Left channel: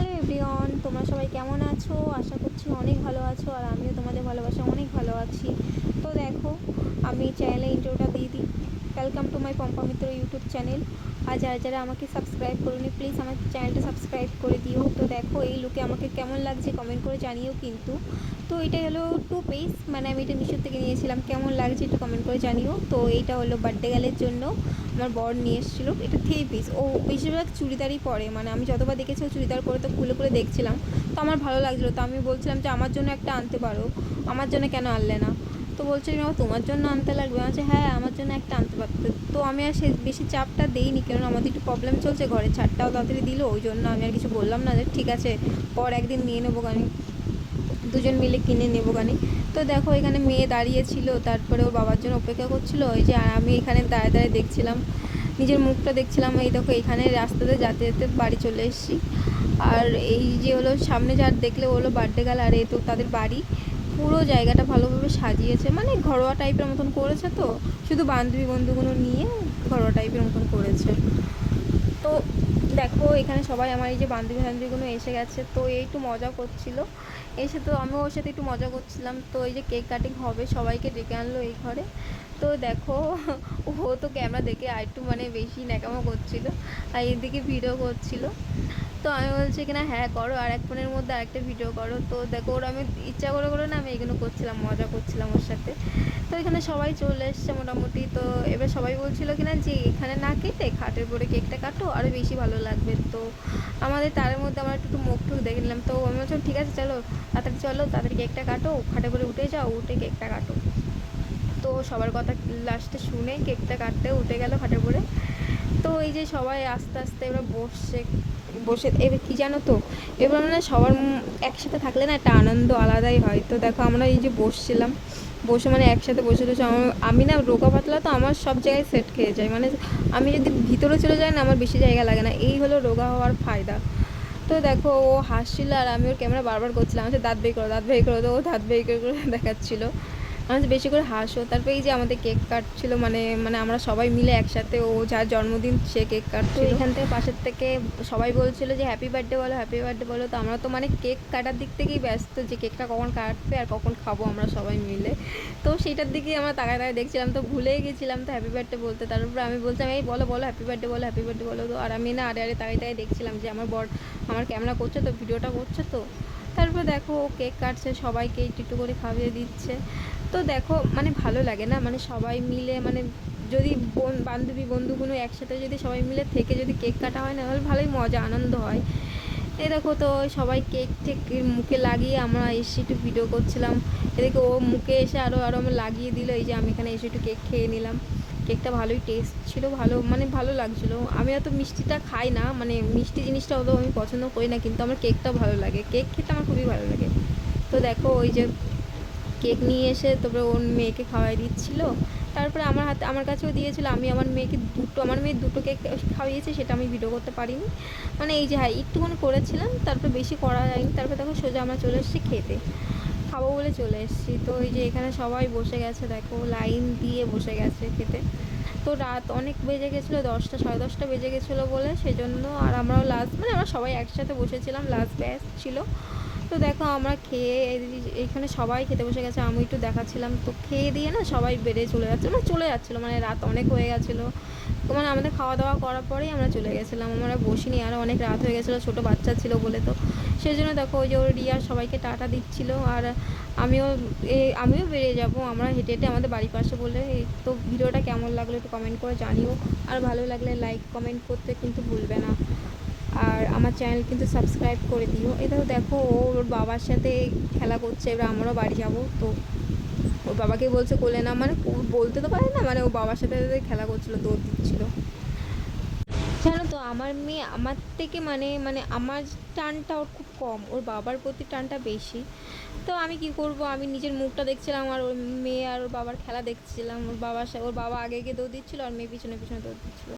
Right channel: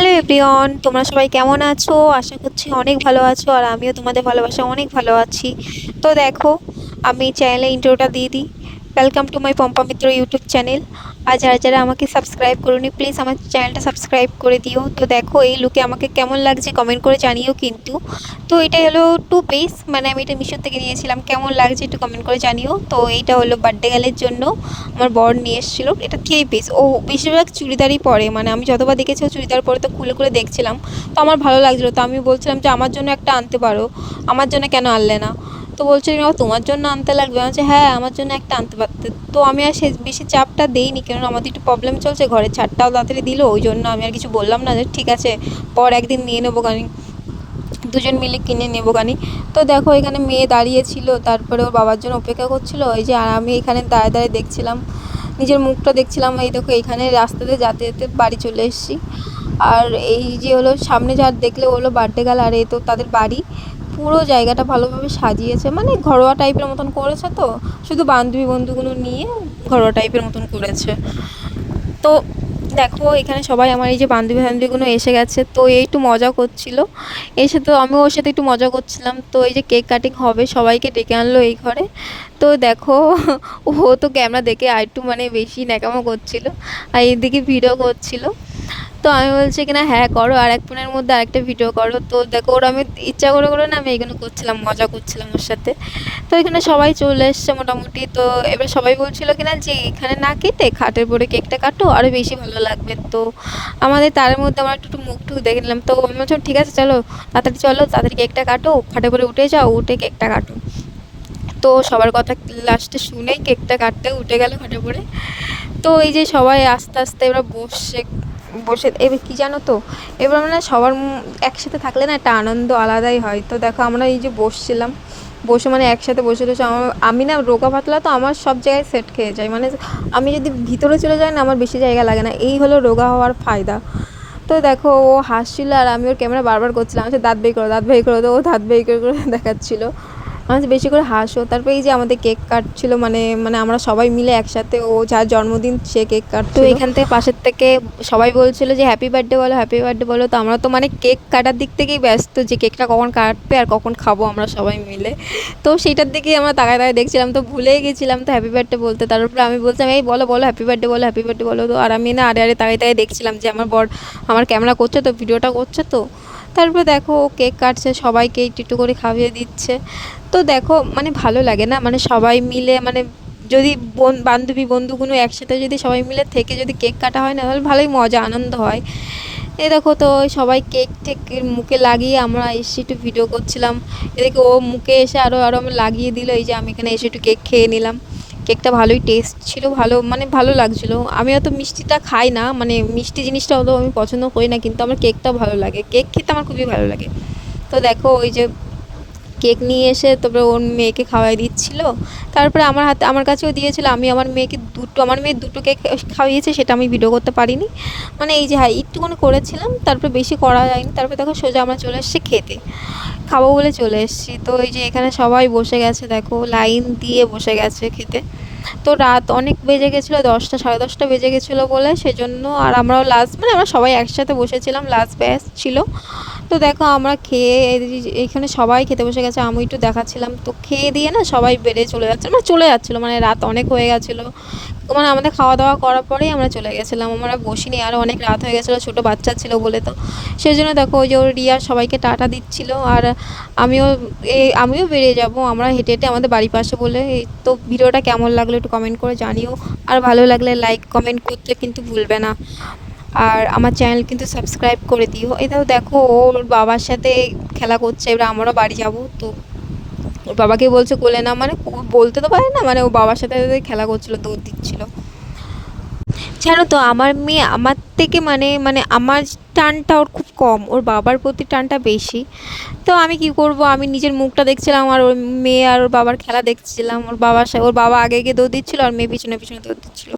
Hello everyone, তোমরা সবাই কেমন আছো? আশা করছি অনেক ভালো আছো আর আমিও তোমাদের ভালোবাসা অনেক ভালো আছি। তো দেখো, আমি চ্যানেলে ইন্টারভিউটা দিয়ে দিই। Welcome to my Pompa Mitra YouTube channel আর যারা যারা আমাকে সাবস্ক্রাইব করুনি প্লিজ আমার চ্যানেলটা সাবস্ক্রাইব করে দিও। তো দেখো, এই লুকে আমাকে কেমন লাগছে কমেন্ট করে জানিও কিন্তু। তো এটা হলো টু পিস মানে আমি এটা মিশো থেকে নিয়েছিলাম। কেমন লাগছে একটু কমেন্ট করে জানিও। তো এইটা হলো বার্থডে গেলের জন্য আমার বর নিয়ে এসেছিল। এটা থ্রি পিস ও বেশিরভাগ চুড়িদারই পরে মানে আমি যতবার দেখেছি ও চুড়িদার পরে তো খুলে খুলে দেখছিলাম। তো আমার ভালো লাগছিল। তো আমি বলছিলাম যে, আমার জন্য একটা আনতে পারো। আমার জন্য কেন আনলে না? তো বলছে "না, তোমার জন্য আনতে লাগবে। আমি বলছি হ্যাঁ আমার জন্য একটা আনতে পারতে তো আমি আর সে বেশি চাপটা দেইনি কারণ আমাদের একটু প্রবলেম চলছে ঘরে ছাড়টাও তাড়াতাড়ি দিল ওই জন্য আমি আর কিছু বললাম না যে ঠিক আছে পর একদিন নিয়ে নেব গানি দুজন মিলে কিনে নেব গানি তো দেখো এখানে মেয়ে দাঁড়িয়েছিল তারপরে ওর বাবার জন্য অপেক্ষা করছিল এই যে আর আমি এখানে দাঁড়িয়ে দাঁড়িয়ে দেখছিলাম নিজের মুখটা দেখছিলাম এই দেখো এখানে রাস্তাতে যেতে যেতে বাড়ি চলে এসেছি। আর এই যে হলো সামনে যার দেখলে হলো বার্থডে গাল আর এ তো তাদের বাড়ি। পুরো জায়গাটা ভালোভাবে সাজিয়েছে। মানে ঘরোয়া টাইপের মতন করেছে তো, শুধু বান্ধবী বন্ধুগুলো নিয়ে ঘরোয়া টাইপের মতন করেছে। তো দেখো, এখানে সবাই আমার এই যে বান্ধবী বান্ধবীগুলো এসে গেছে, তো এই একটু মজা করছিল। এসে তো আমিও ওর সাথে একটু মজা করছিলাম। তো এই যে কেক কাটিং হবে, সবাইকে ডেকে আনলো এই ঘরে। তো দেখো, ও তো ক্যামেরা দেখে আর একটু মানে বেশি ন্যাকামো করছিল। আর এইদিকে ভিডিও করছিল। তো আমি বলছি কিনা হ্যাঁ করো আর এক ফোনের মধ্যে আরেকটা ভিডিও করো। তো দেখো, ওরা আমি ইচ্ছা করে করে না আমি এইগুলো করছিলাম, মজা করছিলাম ওর সাথে। তো এখানে সবাই চলে এসছে মোটামুটি। তো এবার সবাই বলছিল কিনা যে এখানে না কেটে খাটের পরে কেকটা কাটো আরও বেশি ভালো লাগবে। তো আমাদের তার মধ্যে আমার একটু মুখ টুক দেখে নিলাম। তো আমি বলছিলাম, ঠিক আছে, চলো, তাড়াতাড়ি চলো, তাড়াতাড়ি কেকটা কাটো, খাটের পরে উঠে যাও, উঠে কেকটা কাটো। তো সবার কথা লাস্টে শুনেই কেকটা কাটতে উঠে গেল খাটের পরে তো এই যে সবাই আস্তে আস্তে এবার বসে বসে, এবার কী জানো তো? এবার মানে সবার একসাথে থাকলে না একটা আনন্দ আলাদাই হয়। তো দেখো আমরা এই যে বসছিলাম, বসে মানে একসাথে বসে রয়েছে আমার, আমি না রোগা পাতলা তো আমার সব জায়গায় সেট খেয়ে যায় মানে আমি যদি ভিতরে চলে যাই না আমার বেশি জায়গা লাগে না। এই হলো রোগা হওয়ার ফায়দা। তো দেখো ও হাসছিল আর আমি ওর ক্যামেরা বারবার করছিলাম আচ্ছা দাঁত বের করো, দাঁত বের করো। তো ও দাঁত বের করে করে দেখাচ্ছিলো। আমার বেশি করে হাসো। তারপরে এই যে আমাদের কেক কাটছিল মানে মানে আমরা সবাই মিলে একসাথে ও যার জন্মদিন সে কেক কাটতো এখান থেকে পাশের থেকে সবাই বলছিল যে হ্যাপি বার্থডে বলো হ্যাপি বার্থডে বলো। তো আমরা তো মানে কেক কাটার দিক থেকেই ব্যস্ত যে কেকটা কখন কাটবে আর কখন খাব আমরা সবাই মিলে। তো সেইটার দিকেই আমরা তাকায় তাকায় দেখছিলাম তো ভুলেই গেছিলাম তো হ্যাপি বার্থডে বলতে। তারপরে আমি বলছিলাম এই বলো বলো হ্যাপি বার্থডে বলো হ্যাপি বার্থডে বলো। তো আর আমি না আরে আরে তাকায় তাকায় দেখছিলাম যে আমার বর আমার ক্যামেরা করছে তো ভিডিওটা করছে তো। তারপরে দেখো ও কেক কাটছে সবাইকে একটু একটু করে খাইয়ে দিচ্ছে। তো দেখো মানে ভালো লাগে না? মানে সবাই মিলে মানে যদি বোন, বান্ধবী, বন্ধুগুলো একসাথে যদি সবাই মিলে থেকে যদি কেক কাটা হয়, না তাহলে ভালোই মজা, আনন্দ হয়। এ দেখো তো, সবাই কেক টেক মুখে লাগিয়ে আমরা এসে একটু ভিডিও করছিলাম। এদিকে ও মুখে এসে আরও আরও আমি লাগিয়ে দিল, এই যে আমি এখানে এসে একটু কেক খেয়ে নিলাম। কেকটা ভালোই টেস্ট ছিল, ভালো মানে ভালো লাগছিল। আমি অত মিষ্টিটা খাই না মানে মিষ্টি জিনিসটা অত আমি পছন্দ করি না, কিন্তু আমার কেকটা ভালো লাগে। কেক খেতে আমার খুবই ভালো লাগে। তো দেখো, ওই যে কেক নিয়ে এসে তারপরে ওর মেয়েকে খাওয়াই দিচ্ছিল। তারপরে আমার হাতে, আমার কাছেও দিয়েছিল, আমি আমার মেয়েকে দুটো, আমার মেয়ে দুটো কেক খাইয়েছে, সেটা আমি ভিডিও করতে পারিনি। মানে এই যে হ্যাঁ একটুখানি করেছিলাম, তারপরে বেশি করা যায়নি, তারপরে দেখো সোজা আমরা চলে এসেছি খেতে। খাব বলে চলে এসেছি। তো এই যে এখানে সবাই বসে গেছে, দেখো লাইন দিয়ে বসে গেছে খেতে। তো রাত অনেক বেজে গেছিল, দশটা, সাড়ে দশটা বেজে গেছিল বলে। সেজন্য আর আমরাও লাস্ট মানে আমরা সবাই একসাথে বসেছিলাম লাস্ট ব্যাচ ছিল। তো দেখো আমরা খেয়ে এইখানে সবাই খেতে বসে গেছে আমি একটু দেখাচ্ছিলাম। তো খেয়ে দিয়ে না সবাই বেড়ে চলে যাচ্ছে মানে চলে যাচ্ছিল মানে রাত অনেক হয়ে গেছিল। মানে আমাদের খাওয়া দাওয়া করার পরেই আমরা চলে গেছিলাম, আমরা বসিনি আরও অনেক রাত হয়ে গেছিল, ছোটো বাচ্চা ছিল বলে তো। সেই জন্য দেখো ওই যে ওর রিয়া সবাইকে টাটা দিচ্ছিল, আর আমিও এই আমিও বেরিয়ে যাব, আমরা হেঁটে হেঁটে আমাদের বাড়ির পাশে বলে। তো ভিডিওটা কেমন লাগল একটু কমেন্ট করে জানিও, আর ভালো লাগলে লাইক কমেন্ট করতে কিন্তু ভুলবে না। আর আমার চ্যানেল কিন্তু সাবস্ক্রাইব করে দিও। এটাও দেখো ওর বাবার সাথে খেলা করছে, এবার আমরাও বাড়ি যাব। তো ওর বাবাকে বলছে, কোলে না মানে বলতে তো পারে না মানে ও বাবার সাথে খেলা করছিল, দৌড় দিচ্ছিল। জানো তো, আমার মেয়ে, আমার থেকে মানে মানে আমার টানটা ওর খুব কম, ওর বাবার প্রতি টানটা বেশি। তো আমি কি করব? আমি নিজের মুখটা দেখছিলাম, আর ওর মেয়ে আর ওর বাবার খেলা দেখছিলাম। ওর বাবার ওর বাবা আগে গিয়ে দৌড় দিচ্ছিল, আর মেয়ে পিছনে পিছনে দৌড় দিচ্ছিল।